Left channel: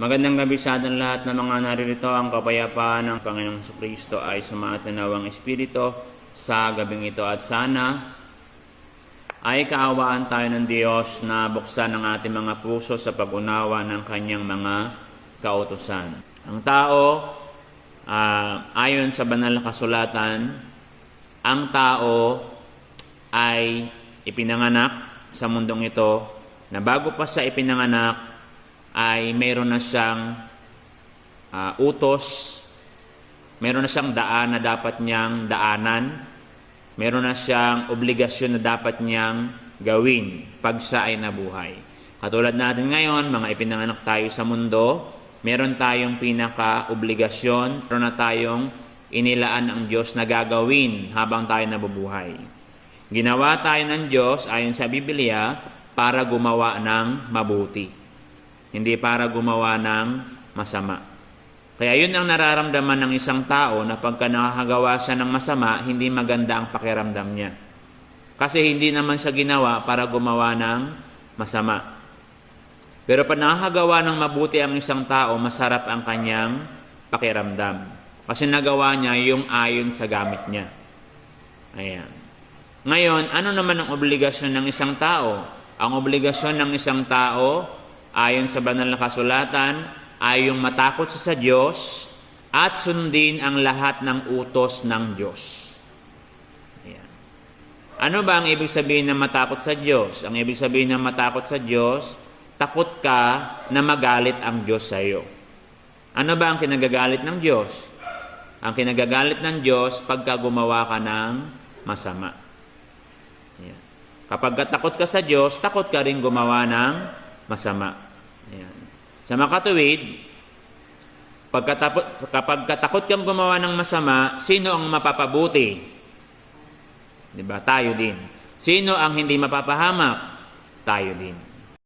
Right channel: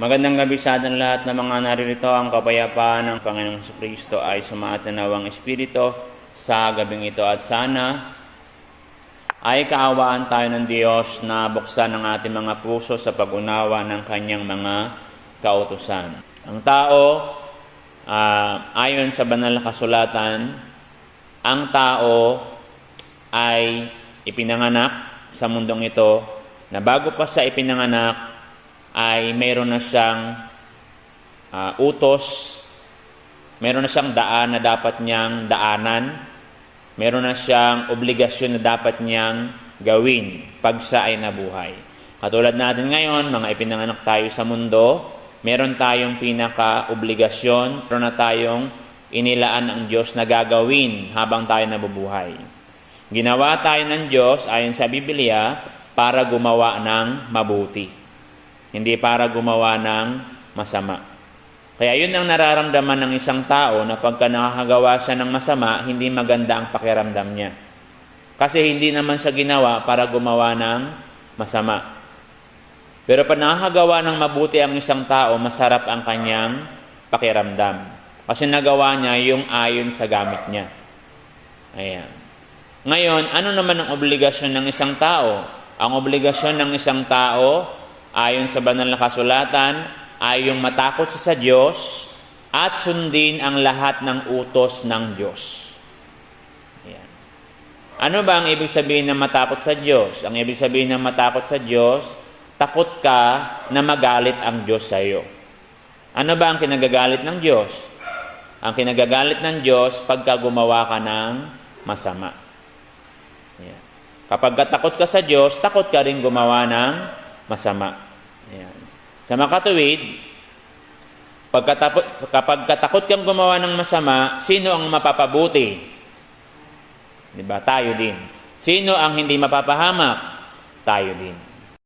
Magandang gabi sa ating lahat na mga naririto. Ang kapayapaan ng Panginoong Jesucristo ay sumatanawang Espiritu sa gabing ito at sana ay kaawaan tayo ng Diyos na buksan ang ating mga puso sa pag-unawa ng kanyang mga kautusan. Ang tao, ayon sa banal na kasulatan, ang tao ay ipinanganak sa mundong ito na bago pa siya ipinanganak ay mayroon na siyang utos, mayroon na siyang daan na dapat niyang daanan, mayroon na siyang obligasyon na dapat niyang gawin pag siya ay nabuhay. Katulad natin ngayon, mga ipinanganak tayo sa mundo, meron tayong pinaka-obligasyon, meron na tayong inilaan ng Diyos na gagawin habang tayo nabubuhay. Ginawa tayo ng Diyos ayon sa Biblia para gumawa ng mabuti, hindi para gumawa ng masama. Kaya yun ang nararamdaman ng isang tao na pagka nakakagawa siya ng masama, hindi maganda ang pakiramdam niya. Kasi hindi naman siya ginawa para gumawa ng masama. Pero pag nakakagawa ng mabuti ang isang tao, masarap ang kanyang pakiramdam. Kasi nagawa niya yung ayon sa gamit niya. Ayan. Ngayon, ano naman ang obligasyon ng isang tao? Ang obligasyon ng isang tao, ayon sa banal na kasulatan, ay yung matakot sa Diyos at sundin ang lahat ng utos ng Diyos. Ayan. Ano ba ang ibig sabihin ng matakot sa Diyos? Ang ibig sabihin ng matakot sa Diyos, takot ka na magalit ang Diyos sa iyo. Ano ba ang kinagagalit ng Diyos? Ang kinagagalit ng Diyos pagka gumawa ka ng masama. Ayan. Kapag takot ka sa Diyos, takot ka rin gumawa ng masama. Ayan. Sa makatuwid, kapag katakot kang gumawa ng masama, sino ang mapapabuti? Diba? Tayo din. Sino ang hindi mapapahamak? Tayo din.